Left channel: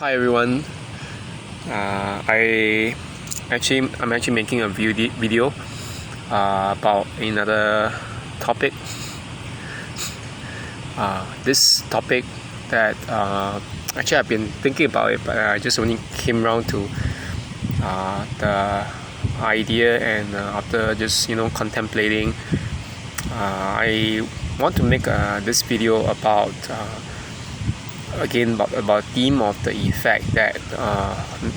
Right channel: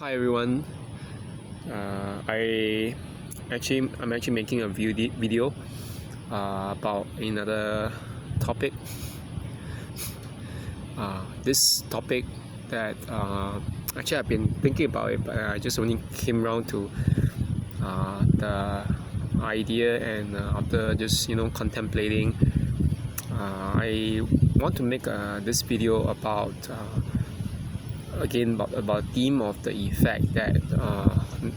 Hi everyone. I'm actually making a video about another topic. This topic that actually I've been thinking about it, but I just only came around to the idea, and after just contemplating, I want to make this video about. Again, about theme of the effect that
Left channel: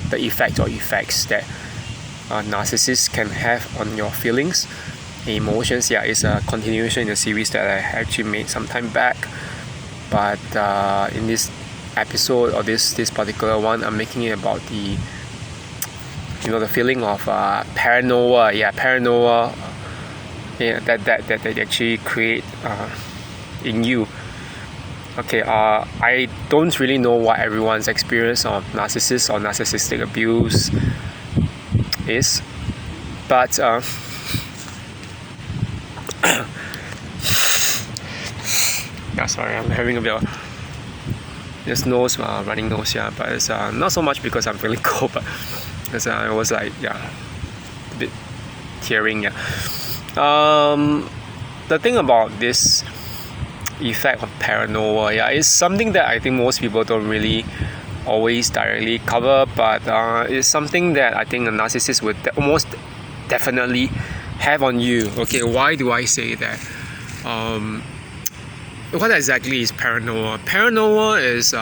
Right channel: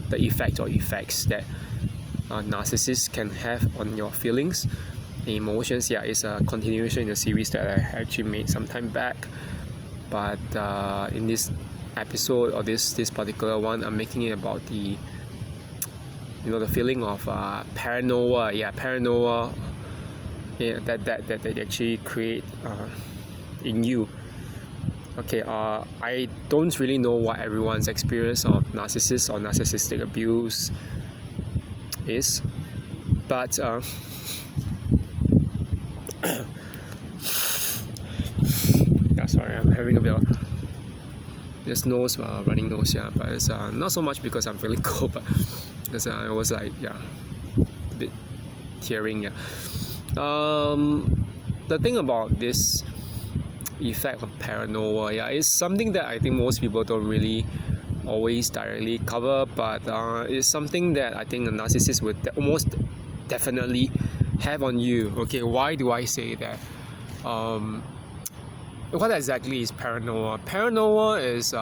the effect or effects that narcissists can have on your feelings, emotions. Yeah, it's a continuation in a series that I actually made some time back, but in this episode or this particular one, I'm making it about the the feeling of paranoia. Yeah, paranoia. Yeah, that they actually create in you. Okay, I don't really know what everyone's experience of narcissist or narcissistic abuse is, but yeah, sorry, I'm having a bit of this nose, running nose, yeah, but it's not so much because I'm feeling cold, but because I was like, yeah, a bit tearing, yeah. The thing about this effect of paranoia is something that I think most people don't really always directly cover, but it's something that I think a narcissist would almost definitely have on you. Okay, why do I say that? What exactly is paranoia? Paranoia is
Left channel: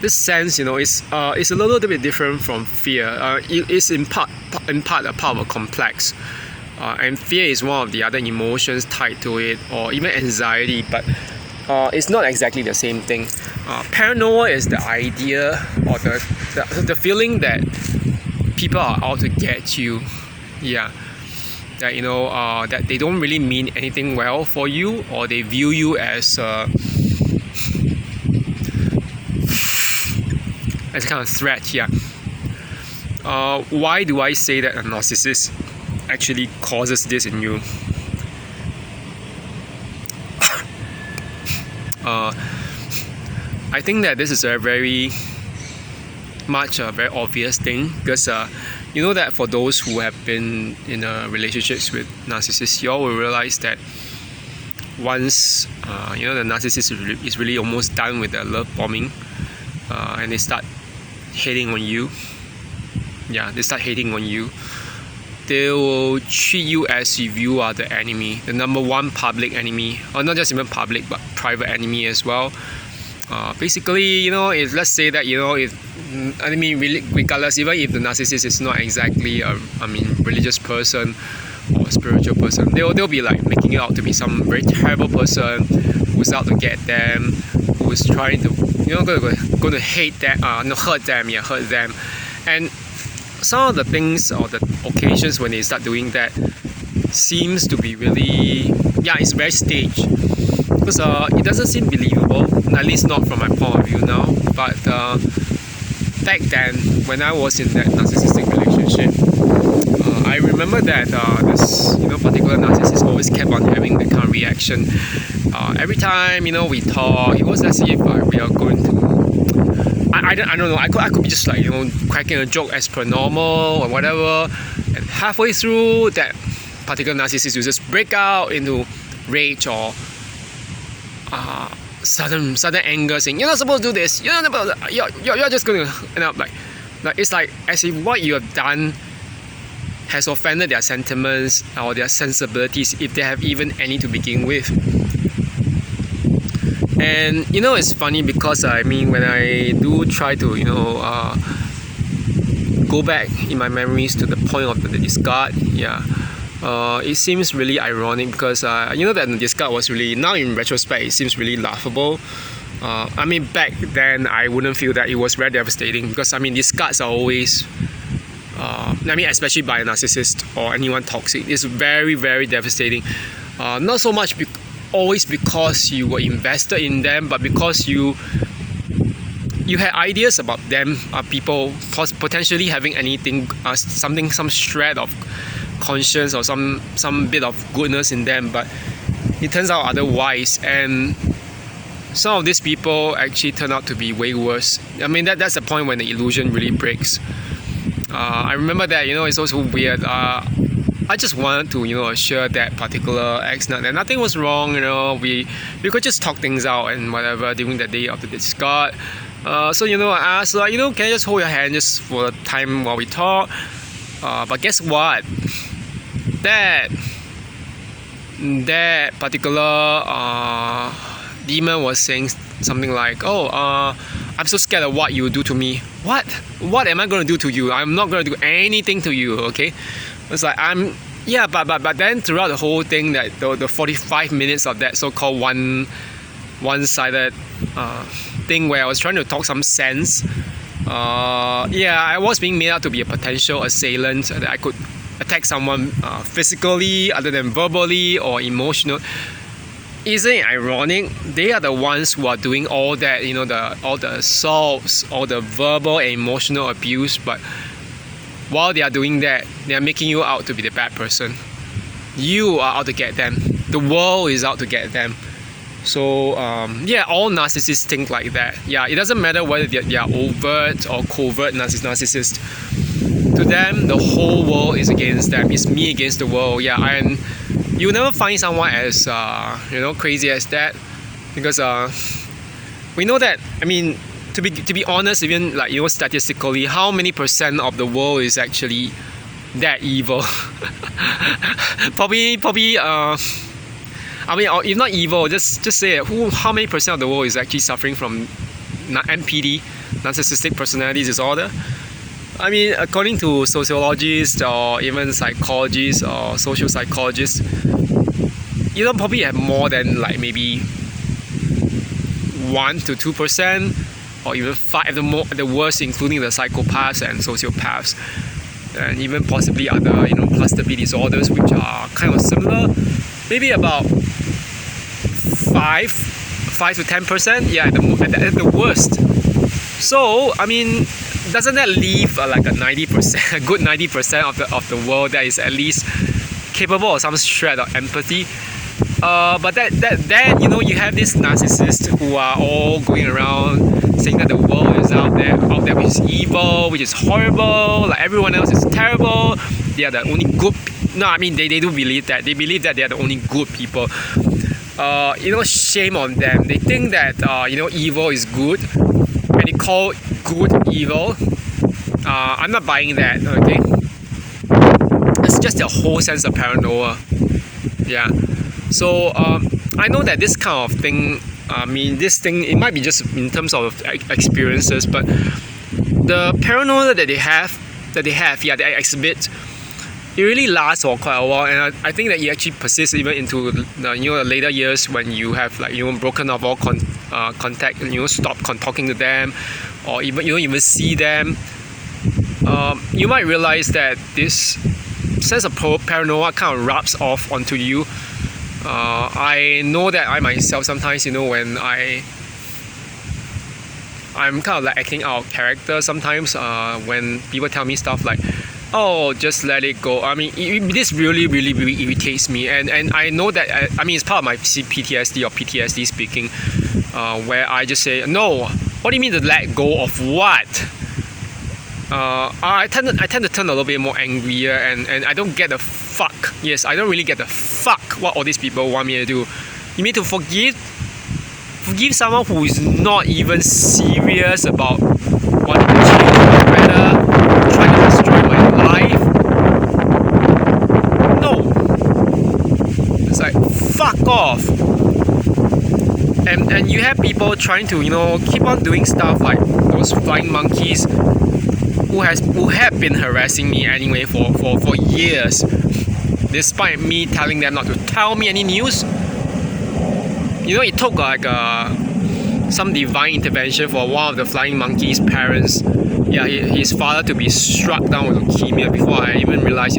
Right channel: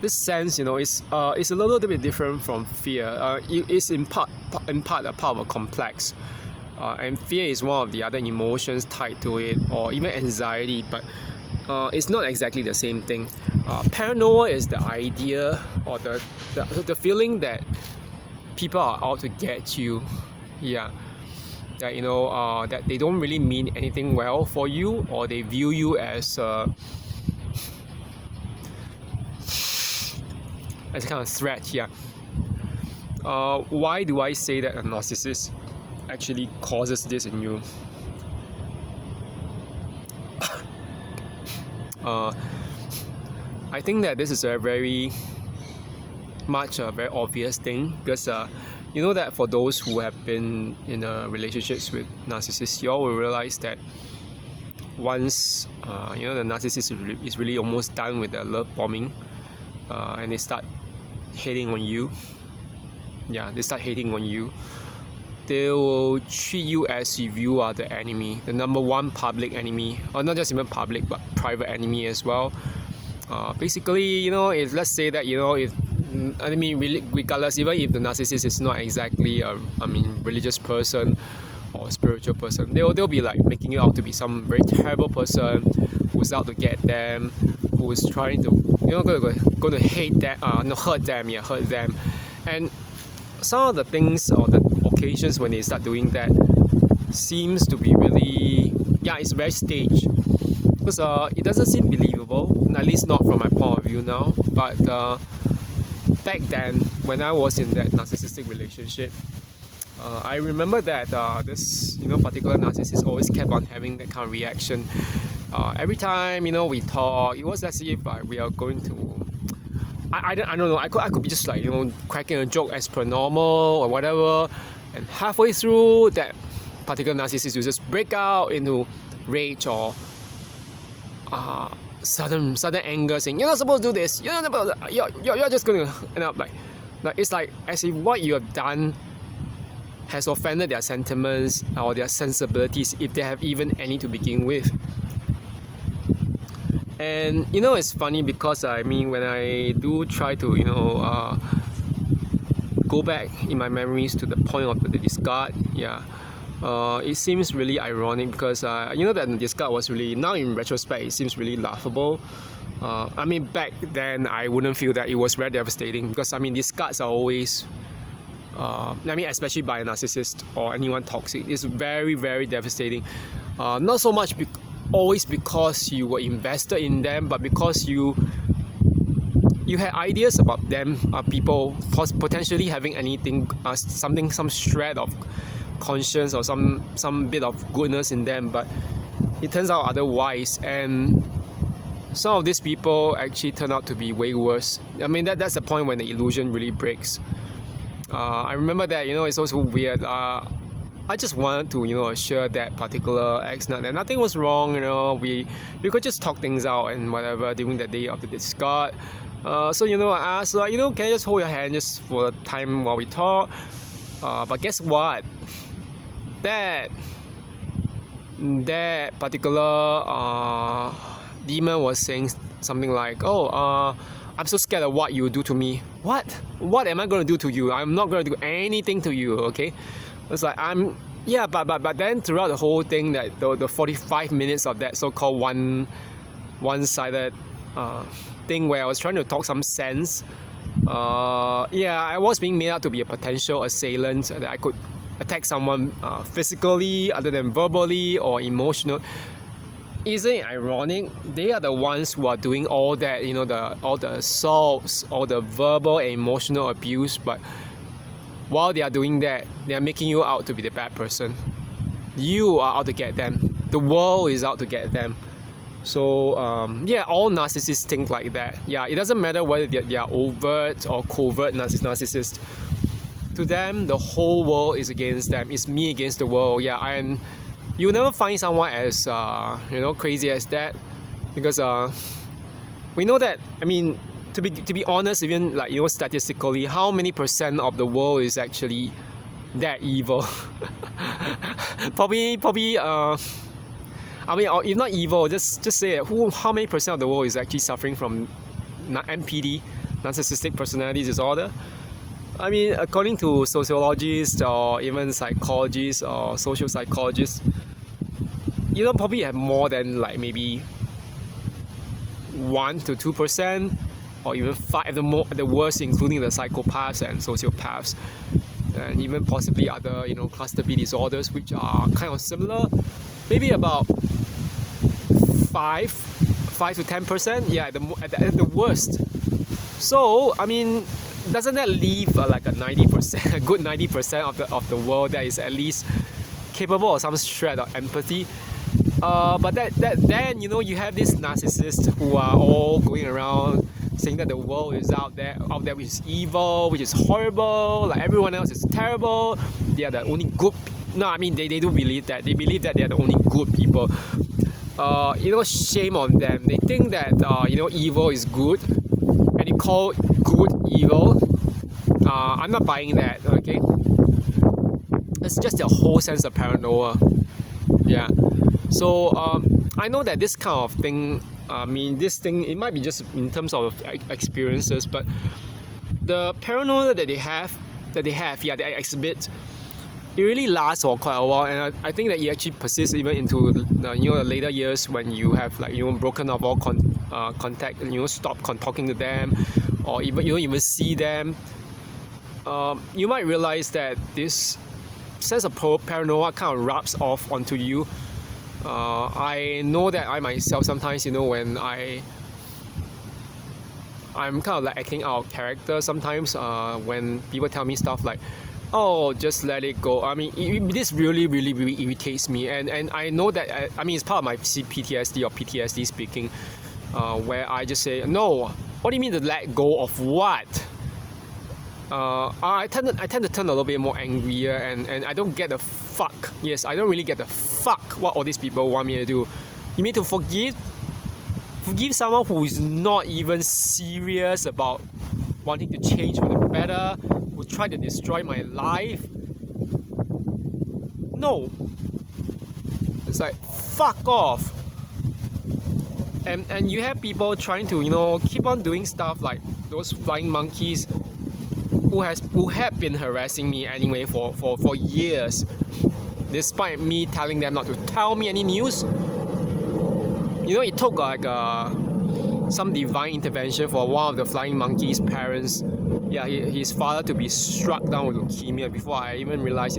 this sense, it's a little bit different from fear. It is in part a part of a complex. And fear is one of the other emotions tied to it, or even anxiety, but it's not exactly the same thing. Paranoia is the idea or the feeling that people are out to get you. Yeah, that that they don't really mean anything well for you, or they view you as kind of threat. Yeah. Why do I say that a narcissist actually causes this in you? I think that this is a very obvious thing, because you know that for those who have been in relationships with narcissists, you all will realize that once the narcissist is really almost done with their love bombing, and they start hating on you. Yeah, they start hating on you. They will treat you as if you are the enemy, the number one public enemy, or not just even public, but private enemy as well. Basically, if let's say that really, regardless, even if the narcissist is not exactly a religious person or spiritual person, they'll be like making it out to be some very terrible person who's out to get them, who's trying to going to hate them, hurt them, and some of the things or the occasions when they start doing that seems to be really, it's very staged, because it doesn't seem believable, at least not from my point of view now. But back then, when I was in that narcissistic relationship, I remember that this particular narcissist always kept on having that kind of reaction. Every time we talk, it was as if we are going to, I don't know. I could be just like cracking a joke as per normal or whatever, and halfway through, that particular narcissist will just break out into rage or sudden anger, saying you're not supposed to do this. You're not supposed to, you're just gonna end up like it's like as if what you have done has offended their sentiments or their sensibilities, if they have even any to begin with. And it's funny because when I do try to go back in my memories to the point of the discard, it seems really ironic, because that the discard was really, now in retrospect, it seems really laughable. Back then I wouldn't feel that. It was very devastating, because discards are always especially by a narcissist or anyone toxic, it's very, very devastating. Not so much always because you were invested in them, but because you had ideas about them, people potentially having anything, some shred of conscience or some bit of goodness in them, but it turns out otherwise. And some of these people actually turn out to be way worse. I mean, that's the point when the illusion really breaks. I remember that, it's also weird. I just wanted to, assure that particular ex that nothing was wrong. We could just talk things out and whatever during the day of the discard. So I asked, can I just hold your hand just for the time while we talk? But guess what? That particular demon was saying something like, I'm so scared of what you do to me. What am I going to do to you? I'm not going to do anything to you, okay? It's like, but then throughout the whole thing, that the 45 minutes of that so-called one-sided thing where I was trying to talk some sense, I was being made out to be a potential assailant, that I could attack someone physically other than verbally or emotional. Isn't it ironic? They are the ones who are doing all that, all the assaults, all the verbal and emotional abuse, but while they are doing that, they are making you out to be the bad person. You are out to get them. The world is out to get them. So, all narcissists think like that. It doesn't matter whether they are overt or covert narcissists. To them, the whole world is against them. It's me against the world. And you'll never find someone as crazy as that, because we know that. I mean, to be honest, even statistically, how many % of the world is actually that evil? probably. If not evil, just say it. How many % of the world is actually suffering from NPD, narcissistic personality disorder? I mean, according to sociologists or even psychologists or social psychologists, you don't probably have more than maybe 1 to 2%, or even 5 at the worst, including the psychopaths and sociopaths, and even possibly other cluster B disorders, which are kind of similar. Maybe about 5 to 10%, at the worst. So I mean, doesn't that leave a good 90% of the world that is at least capable of some shred of empathy? But then you have these narcissists who are all going around saying that the world is out there which is evil, which is horrible, everyone else is terrible. They are the only good. No, I mean they do believe that. They believe that they are the only good people. Shame on them. They think that evil is good, and they call good evil. I'm not buying that. Okay, it's just a whole sense of paranoia. So I know that this kind of thing. This thing, it might be just in terms of experiences, but the paranoia that they exhibit, it really lasts for quite a while, and I think that it actually persists even into the later years, when you have broken off all contact, and stop talking to them, or even you don't even see them. You might realize that this sense of paranoia kind of rubs off onto you. I know that I myself sometimes, when I'm kind of acting out of character sometimes, when people tell me stuff like, just let it go. I mean, this really, really, really irritates me, and I know that, it's part of my PTSD or PTSD speaking, where I just say, no, what do you mean to let go of what? I tend to turn a little bit more angrier, and I don't get the fuck. Yes, I don't really get the fuck what all these people want me to do. You mean to forgive someone who is not even serious about wanting to change my weather, trying to destroy my life? No. It's like, fuck off. And you have people trying to keep on doing stuff like those flying monkeys who have been harassing me anyway for years, despite me telling them not to tell me any news. It took some divine intervention for one of the flying monkey's parents, his father, to be struck down with leukemia before I even realized,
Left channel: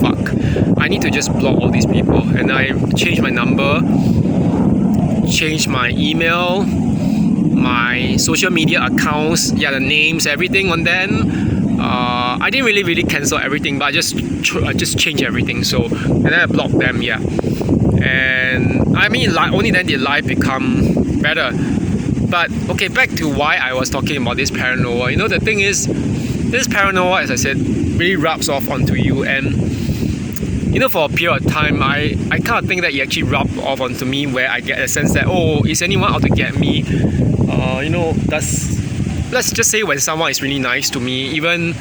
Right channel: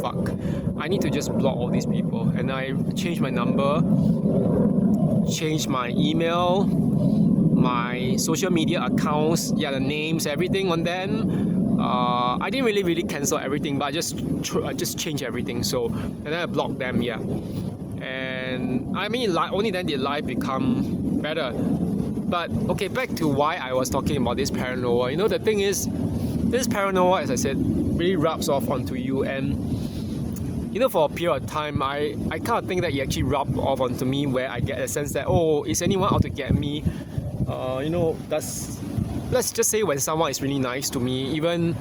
fuck, I need to just block all these people. And I changed my number, changed my email, my social media accounts, the names, everything on them. I didn't really cancel everything, but I just changed everything. So and then I blocked them, yeah. And I mean, only then did life become better. But okay, back to why I was talking about this paranoia. You know, the thing is, this paranoia, as I said, really rubs off onto you, and you know, for a period of time, I kind of think that it actually rubbed off onto me, where I get a sense that, oh, is anyone out to get me? You know, let's just say when someone is really nice to me, even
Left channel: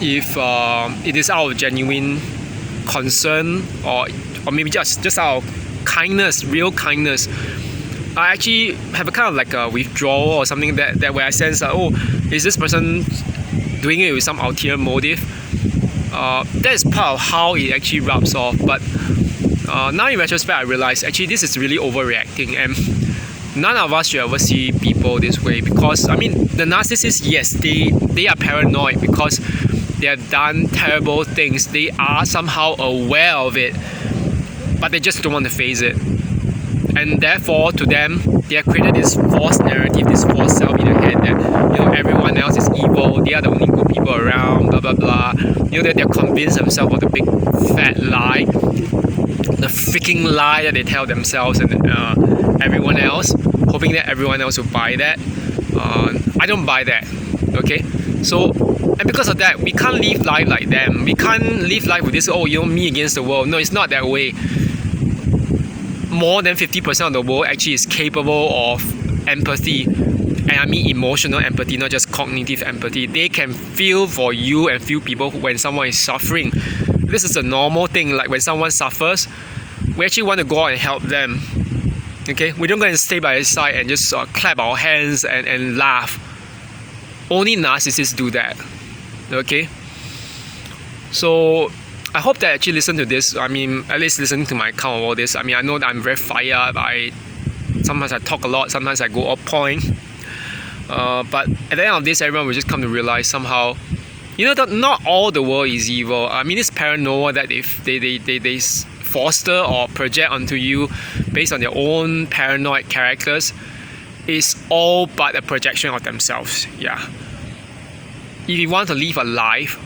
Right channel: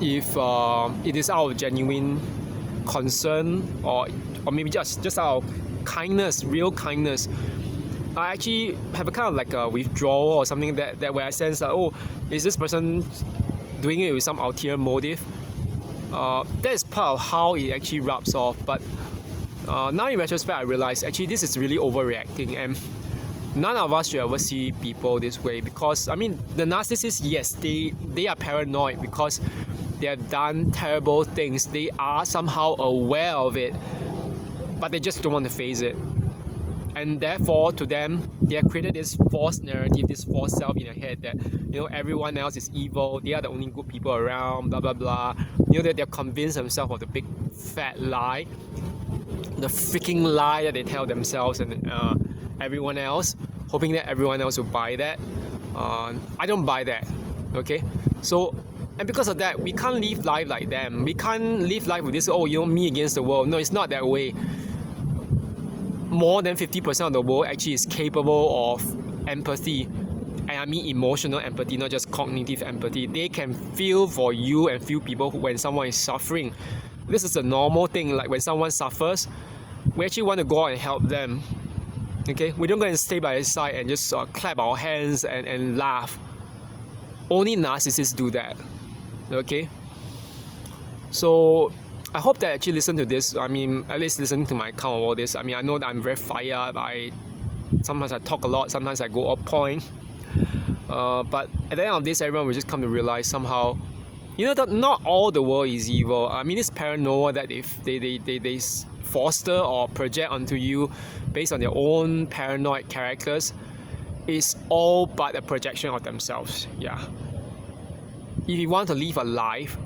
if it is out of genuine concern, or maybe just out of kindness, real kindness, I actually have a kind of like a withdrawal or something that where I sense that, oh, is this person doing it with some ulterior motive? That is part of how it actually rubs off. But now in retrospect, I realize actually this is really overreacting, and none of us should ever see people this way. Because I mean, the narcissists, yes, they are paranoid because they have done terrible things. They are somehow aware of it, but they just don't want to face it. And therefore, to them, they have created this false narrative, this false self in their head that, you know, everyone else is evil, they are the only good people around, blah blah blah. You know, that they're convinced themselves of the big fat lie, the freaking lie that they tell themselves and everyone else, hoping that everyone else will buy that. I don't buy that. Okay, so and because of that, we can't live life like them. We can't live life with this, oh, you know, me against the world. No, it's not that way. More than 50% of the world actually is capable of empathy, and I mean emotional empathy, not just cognitive empathy. They can feel for you and feel people when someone is suffering. This is a normal thing. Like when someone suffers, we actually want to go out and help them. Okay, we don't go and stay by their side and just clap our hands and laugh. Only narcissists do that. Okay, so I hope that actually listen to this. I mean, at least listening to my account of all this. I mean, I know that I'm very fired. Sometimes I talk a lot. Sometimes I go off point. But at the end of this, everyone will just come to realize somehow, you know, that not all the world is evil. I mean, this paranoia that if they foster or project onto you based on their own paranoid characters is all but a projection of themselves. Yeah. If you want to live a life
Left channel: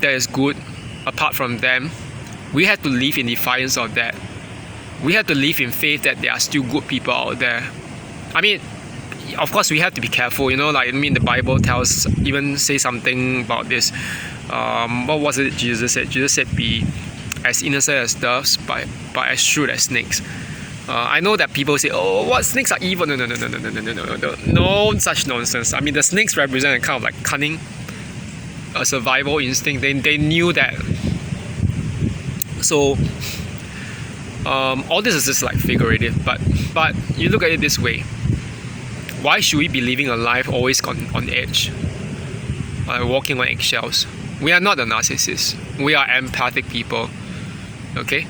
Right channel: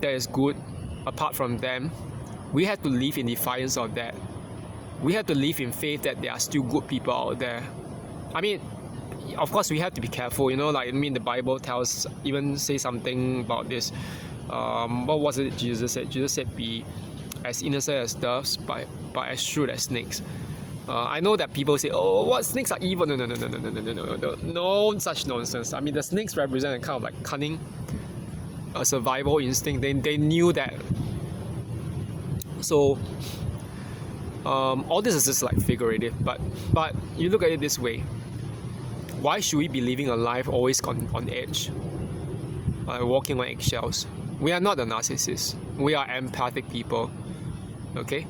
that is good, apart from them, we have to live in defiance of that. We have to live in faith that there are still good people out there. I mean, of course, we have to be careful. You know, like I mean, the Bible say something about this. What was it Jesus said? Jesus said, "Be as innocent as doves, but as shrewd as snakes." I know that people say, "Oh, what, snakes are evil?" No such nonsense. I mean, the snakes represent a kind of like cunning, a survival instinct. They knew that. So all this is just like figurative, but you look at it this way: why should we be living a life always on edge, walking on eggshells? We are not the narcissists. We are empathic people. Okay.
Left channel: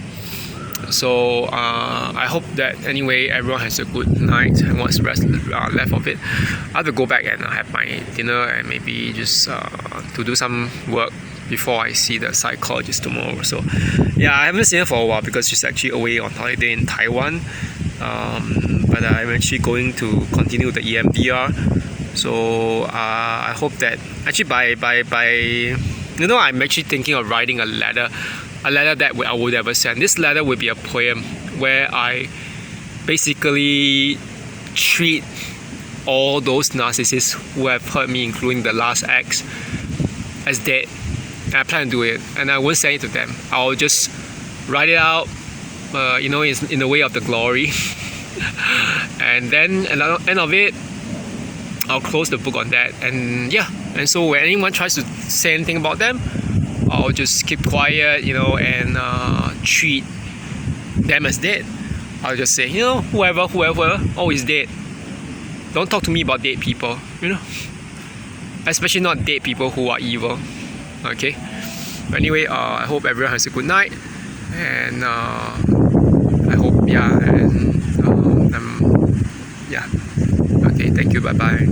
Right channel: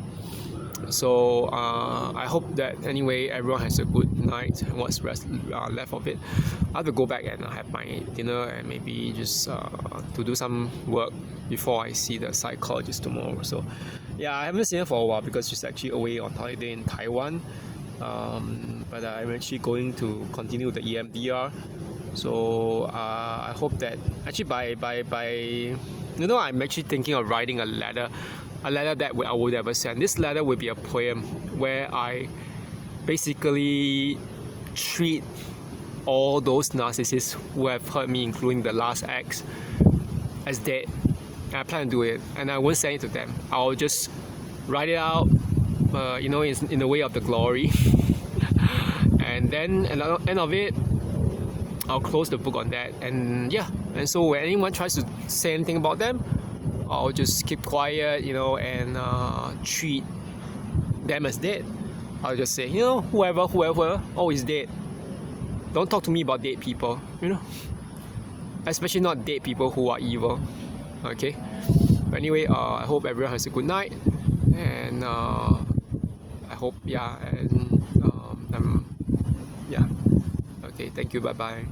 So I hope that anyway everyone has a good night and what's left of it. I have to go back and have my dinner and maybe just to do some work before I see the psychologist tomorrow. So yeah, I haven't seen her for a while because she's actually away on holiday in Taiwan. But I'm actually going to continue the EMDR. So I hope that actually by you know, I'm actually thinking of writing a letter that I would ever send. This letter will be a poem where I basically treat all those narcissists who have hurt me, including the last ex, as dead. And I plan to do it, and I won't send it to them. I'll just write it out, you know, in the way of the glory. And then at the end of it, I'll close the book on that. And yeah, and so when anyone tries to say anything about them, I'll just keep quiet, you know, and treat them as dead. I'll just say, you know, whoever, oh, is dead. Don't talk to me about dead people, you know. Especially not dead people who are evil. Okay. But anyway, I hope everyone has a good night, and I hope, yeah, and yeah. Okay. Thank you. Bye bye.